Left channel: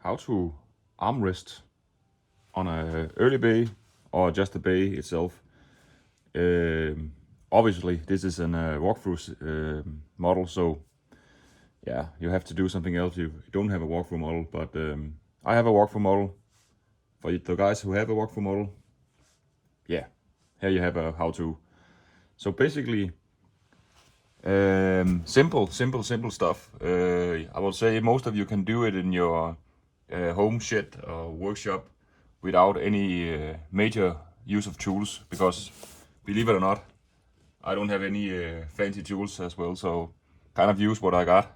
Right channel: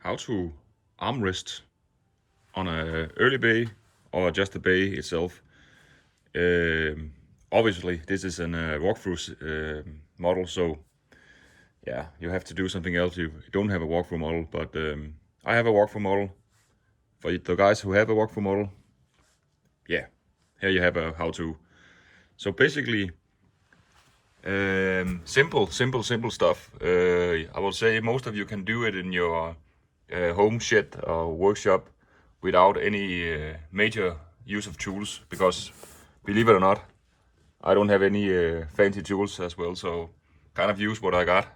how to armrest on a early bay or just the bay itself. Obviously, this is an walkthrough model, so yeah, you have to do something else. You don't have a walkthrough model, but I have a walkthrough model. For the guys who have a walkthrough model, yeah, here you have a how-to. So basically, simple stuff. I will say most of you can do it in your home shed or workshop without any major use of tools, because believe it or not, I don't have any fancy tools as well, so kind of use what I got.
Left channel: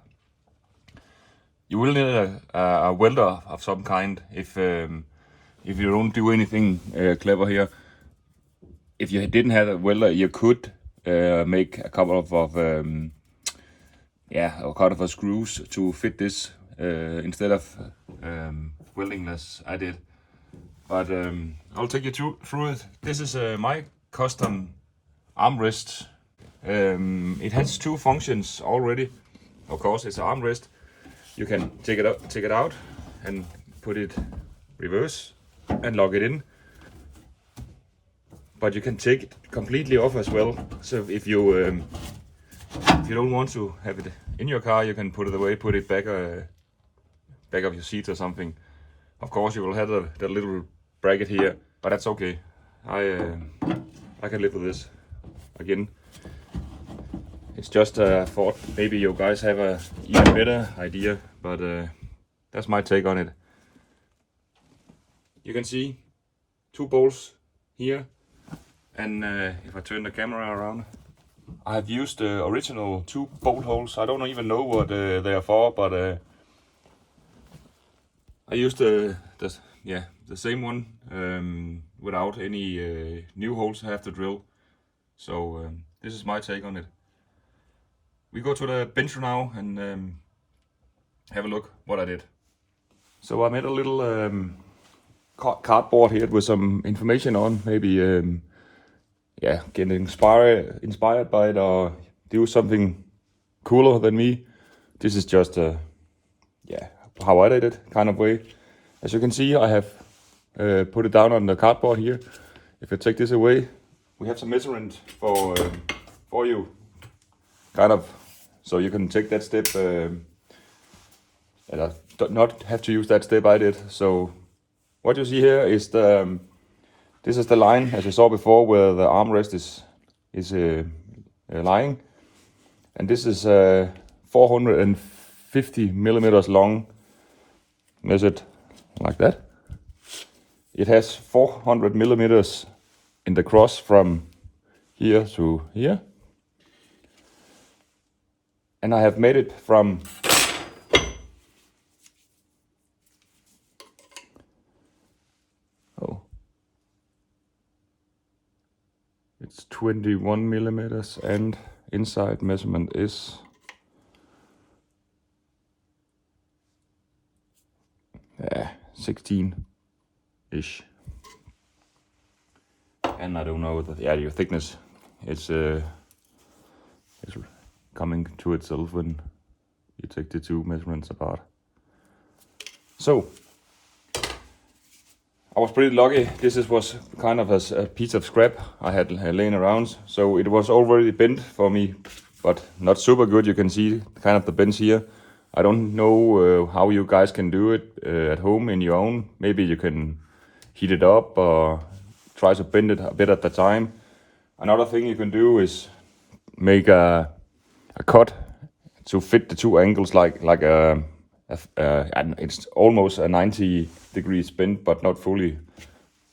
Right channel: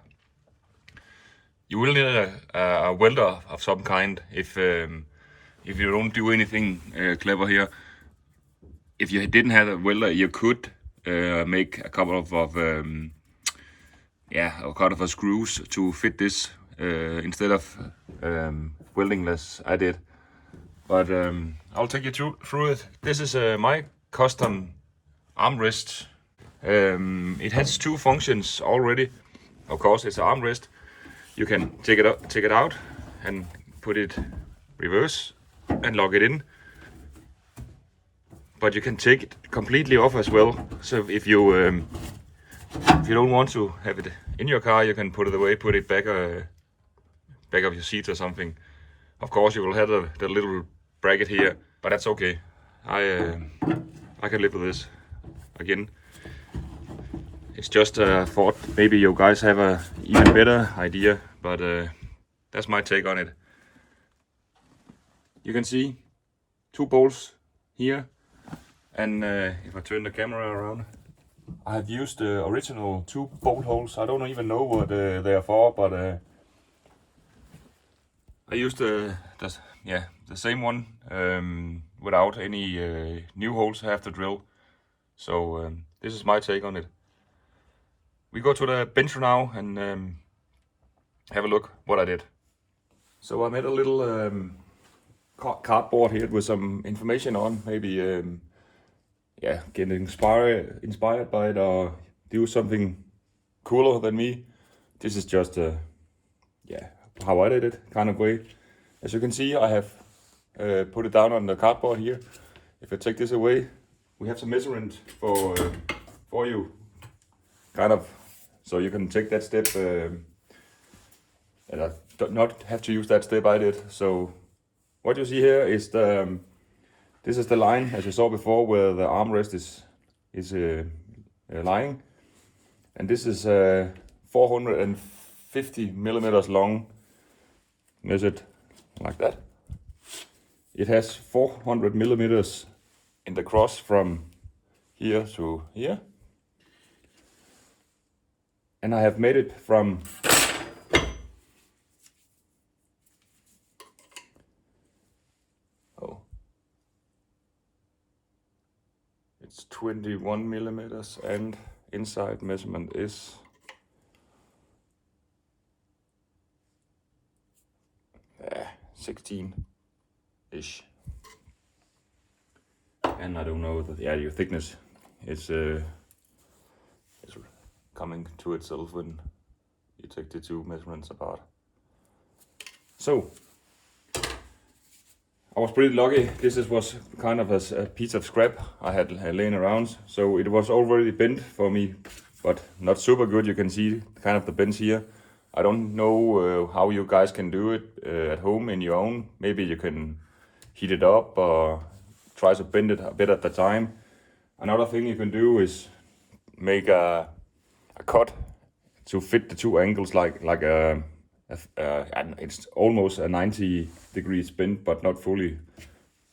You will need a welder of some kind if you don't do anything clever here. If you didn't have a welder, you could make a couple of screws to fit this instead of welding as I did. But I'll take you through it. This is my custom armrest. It has two functions already. Of course, it's an armrest. You can take it out and put it reverse and lock it in. But you can take it completely off as well. So if you don't want to have it in your car, you can put it away, put it back of your seat or something. Of course, you will have the little bracket here, but that's okay. I can live with this. Again, it's just a thought. Maybe you guys have a even better idea, but that's my take on it. You can see two bolts here, and if I turn the camera around, I have used the original two bolt holes. I don't even know what they are for, but I used the same one without any new holes I have to drill. So this is my take on it. We go to the bench now and have a look what I did. So I made a little cardboard here with some information on, maybe get inspired by it or do something cooler than me. This is just how I did it kind of way. As you can see, I have put it down on the cardboard here. If I take this away, we have some measurement for you, kind of, so you can take that step and I do not have to use that step I did. So what you see here is this is the line, as you saw before, where the armrest is lying, and this is 450 millimeters long, measured like that. It has 400 millimeters in the cross from here to here, and I have made it from it's 21 millimeters, and inside measurement is 16-ish. And I don't know your thickness is coming to itself when you take the two measurements apart. So I was pretty lucky. This was kind of a piece of scrap I had laying around, so it was already bent for me, but not super good. You can see kind of the bends here. I don't know how you guys can do it at home in your own. Maybe you can heat it up or try to bend it a bit at the time. Another thing you can do is make a cut to fit the two angles, like and it's almost a 90 degrees bend, but not fully,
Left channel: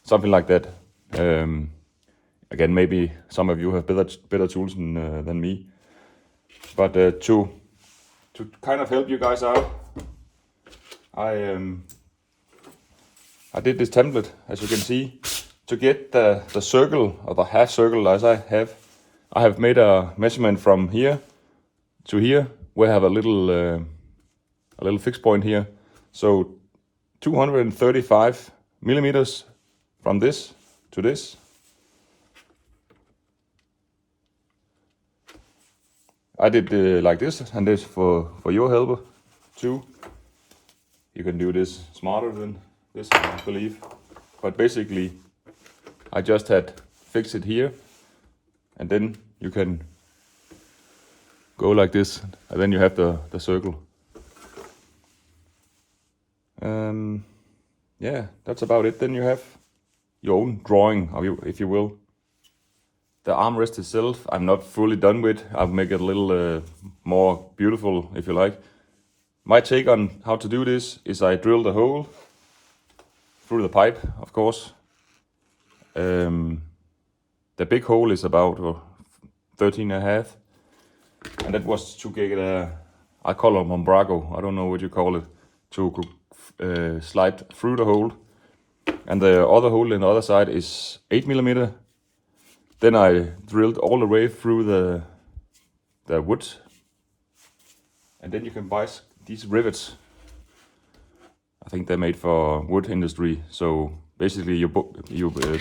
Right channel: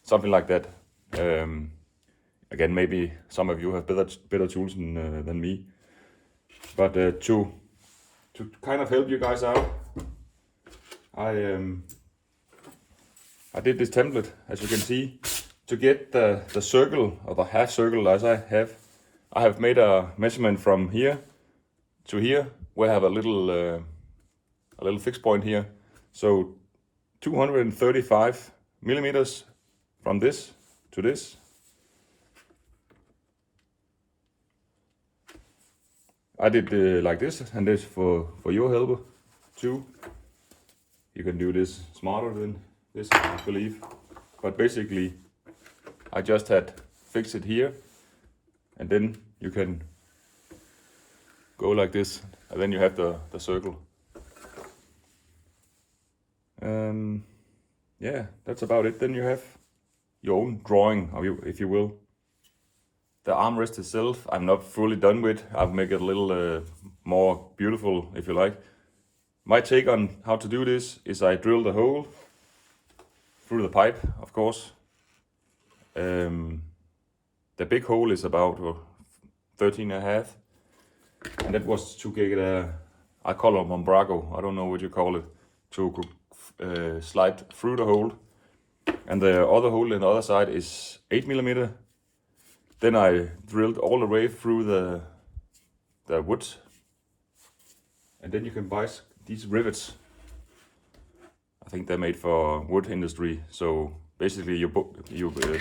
something like that. Again, maybe some of you have better tools than me, but to kind of help you guys out, I did this template, as you can see. To get the circle, or the half circle as I have made a measurement from here to here. We have a little fixed point here, so 235 millimeters from this to this. I did like this, and this for your helper too. You can do this smarter than this, I believe. But basically, I just had fixed it here, and then you can go like this, and then you have the circle. Yeah, that's about it. Then you have your own drawing, if you will. The armrest itself, I'm not fully done with. I'll make it a little more beautiful, if you like. My take on how to do this is I drill the hole through the pipe, of course. The big hole is about 13.5, and that was to get I call it umbrago, I don't know what you call it, to slide through the hole. And the other hole in the other side is 8mm. Then I drilled all the way through the wood, and then you can buy these rivets. I think they're made for wood industry. So basically, you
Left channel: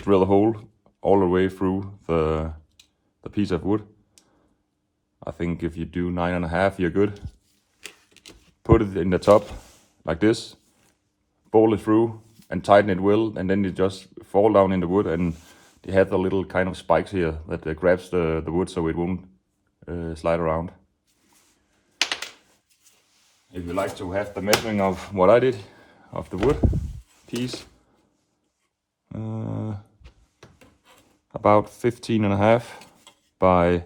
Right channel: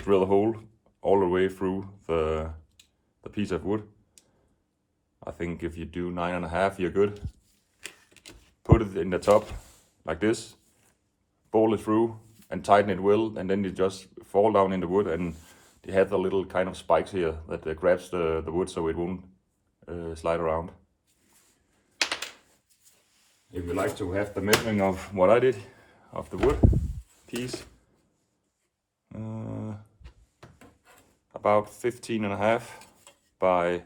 drill a hole all the way through the piece of wood. I think if you do 9.5, you're good. Put it in the top like this, bolt it through, and tighten it well, and then you just fall down in the wood, and they have the little kind of spikes here that grabs the wood so it won't slide around. If you like to have the measuring of what I did of the wood piece, about 15.5 by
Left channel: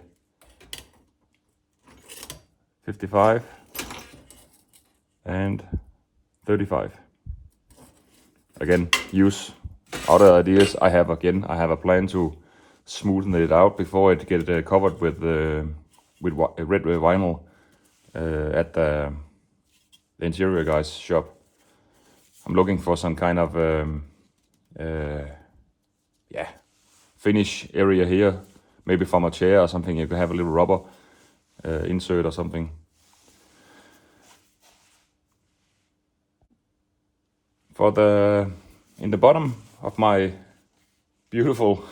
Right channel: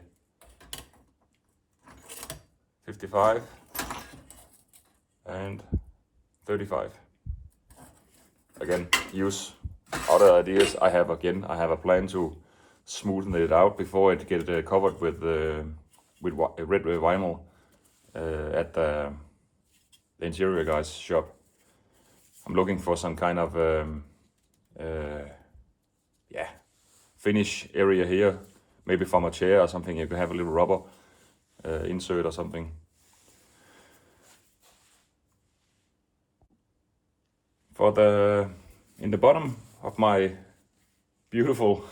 55 and 35. Again, use other ideas. I have a plan to smoothen it out before it gets covered with red vinyl at the interior guy's shop. I'm looking for some kind of finish area here, maybe from a chair or something. You can have a little rubber insert or something. In the bottom of my beautiful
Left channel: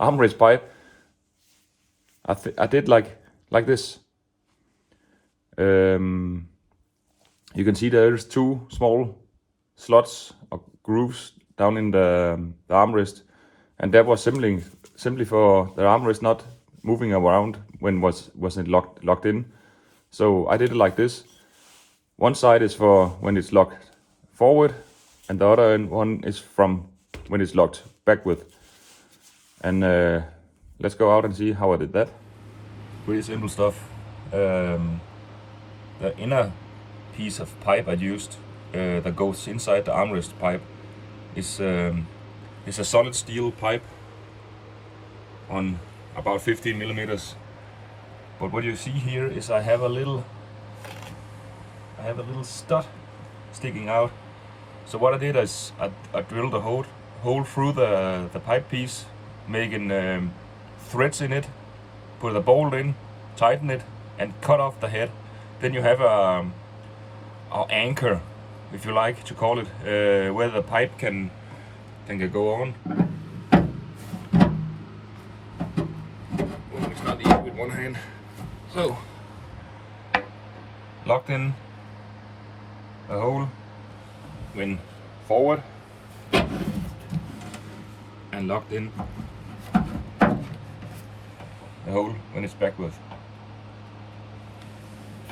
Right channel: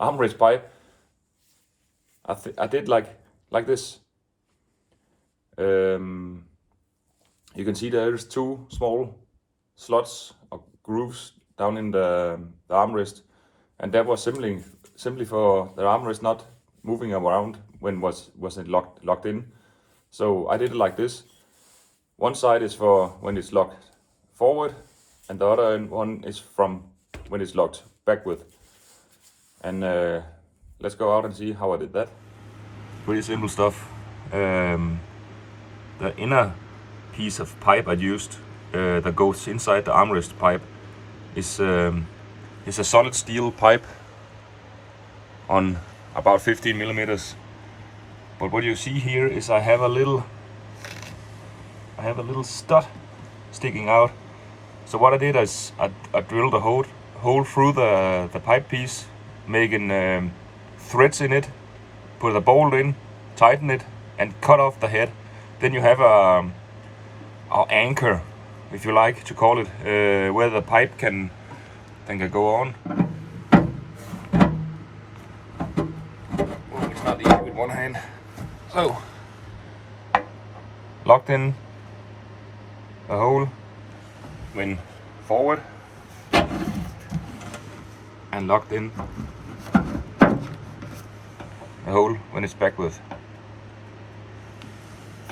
armrest pipe, I did like this. You can see there's two small slots or grooves down in the armrest, and that was simply for the armrest not moving around when wasn't locked in. So I did it like this. One side is for when it's locked forward, and the other one is from when it's locked backward. And let's go out and see how I did that. Pretty simple stuff. The inner piece of pipe I used that goes inside the armrest pipe is a solid steel pipe on about 15mm. But what you see here is I have a little stud sticking out. So what I did is I drilled a hole through the pipe piece, making threads in it, put a bolt in, tighten it, and cut off the head. Then you have an anchor, if you like to call it, where the pipe can go on. Well, it's not easy with one hand. So, locked in the hole when forward, and locked in the hole when it's backward.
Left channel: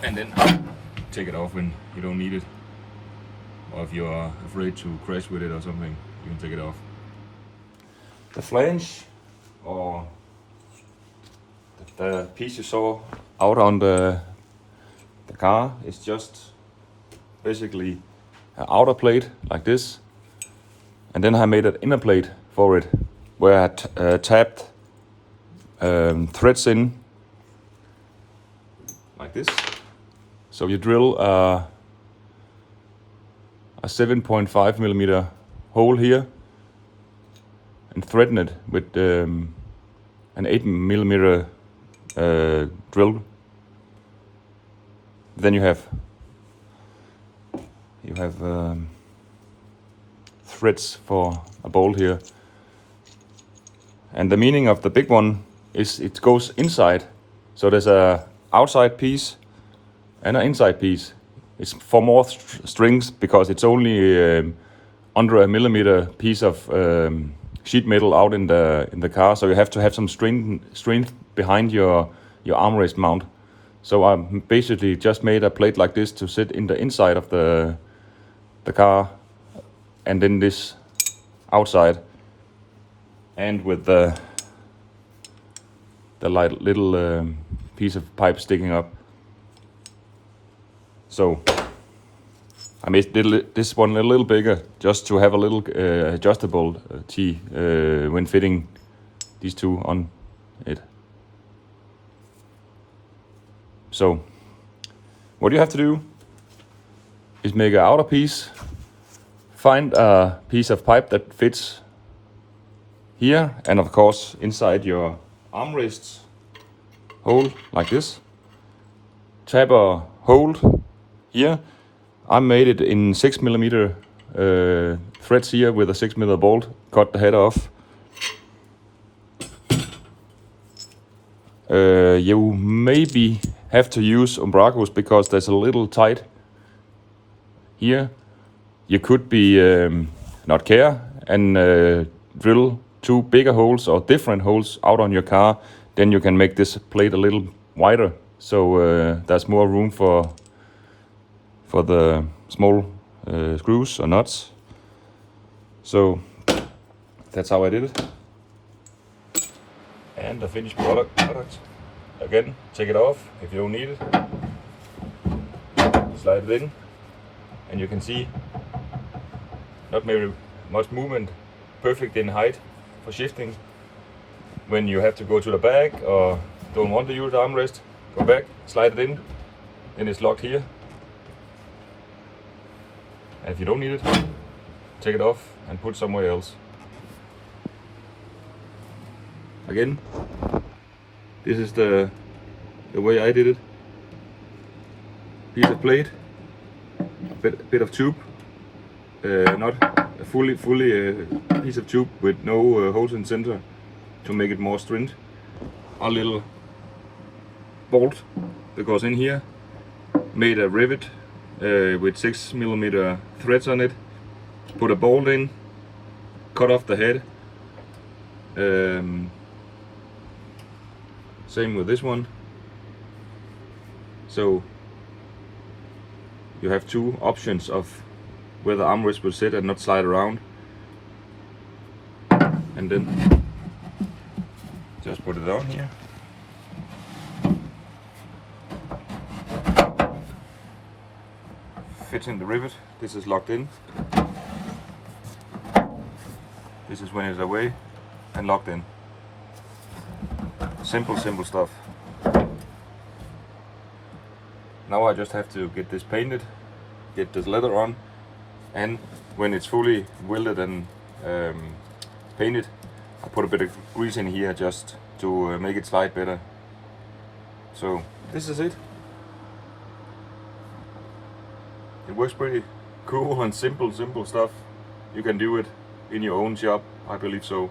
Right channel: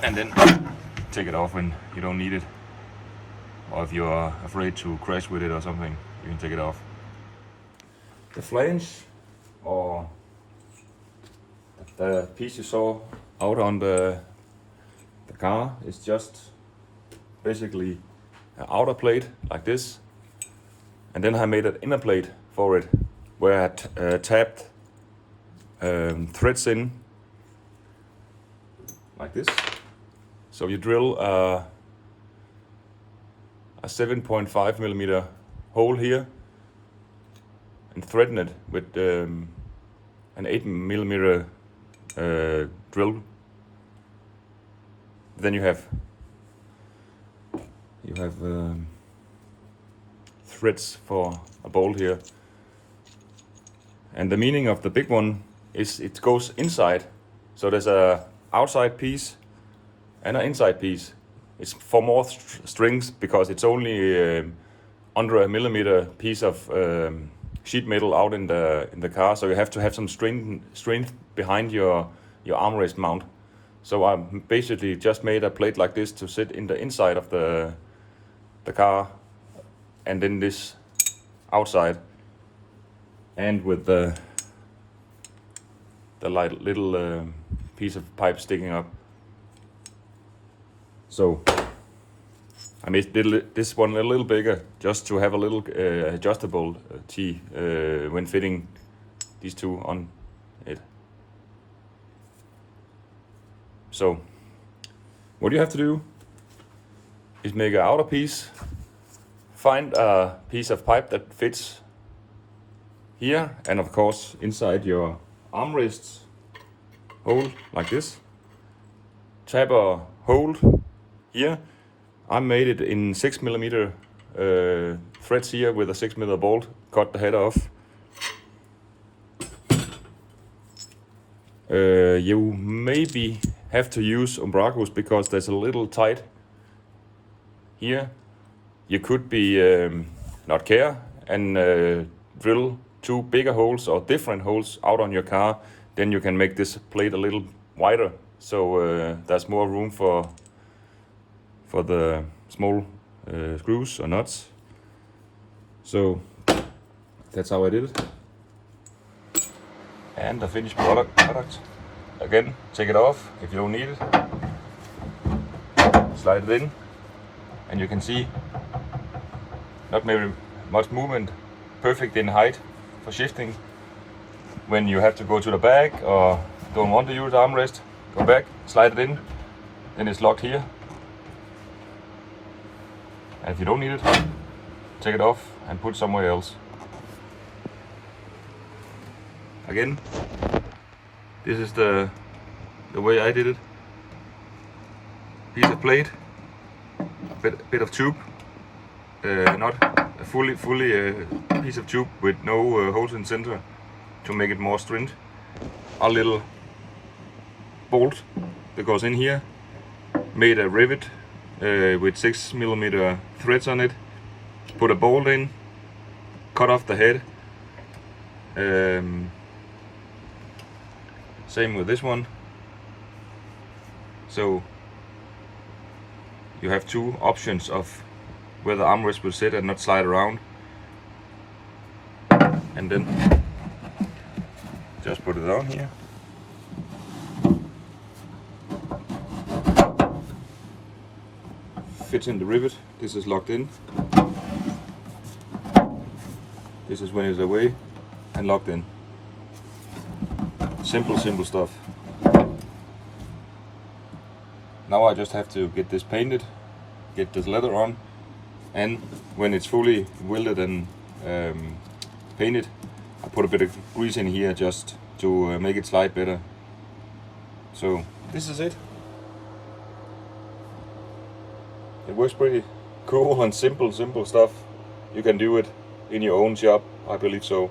And then take it off when you don't need it, or if you're afraid to crash with it or something, you can take it off. The flange, or the piece you saw out on the car, is just basically an outer plate like this, and then I made an inner plate for it where I tapped threads in like this. So you drill a 7.5mm hole here and threaden it with an 8mm drill. Then you have threads for a bolt here. And the meaning of the big one is it goes inside. So there's a outside piece and an inside piece. it's for more strings because it's only under a millimeter piece of sheet metal out in the car, so you have to have some strength behind your armrest mount. So I basically just made a plate like this to sit in the inside of the car, and then this outside, and with the little piece of pipe sticking up. So I made this one a little bigger just to have a little adjustable T when fitting these two on it. So what you have to do is make an outer piece, find a piece of pipe that fits here, and of course inside your armrests hole like this. Tap a hole here. I made it in 6mm threads here with a 6mm bolt. Cut the head off. You maybe have to use umbracos because there's a little tight here. You could be not care and drill two bigger holes or different holes out on your car. Then you can make this plate a little wider, so there's more room for the small screws or nuts. So that's how I did it. And the finished product. Again, take it off if you don't need it. Slide it in, and you can see not very much movement. Perfect in height for shifting. When you have to go to the back or don't want to use the armrest, go back, slide it in, then it's locked here. And if you don't need it, take it off and put it somewhere else. Again, this is the way I did it. Piece of plate, bit of tube, not a fully piece of tube with no holes in the center to make it more stringent. A little bolt that goes in here, made a rivet with 6mm threads on it. Put a bolt in, cut off the head. Same with this one. So you have two options of where the armrest will sit and not slide around. And then just put it on here. Fits in the rivet. This is locked in. This is when it's away and locked in. Simple stuff. Now I just have to get this painted, get this leather on, and when it's fully welded and painted, I put a bit of grease in here just to make it slide better. So this is it. It works pretty cool and simple stuff. You can do it in your own shop, I believe so.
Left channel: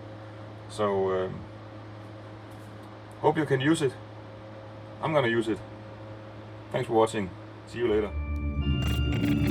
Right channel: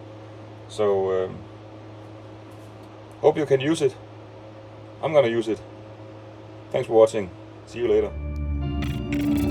So hope you can use it. I'm gonna use it. Thanks for watching. See you later.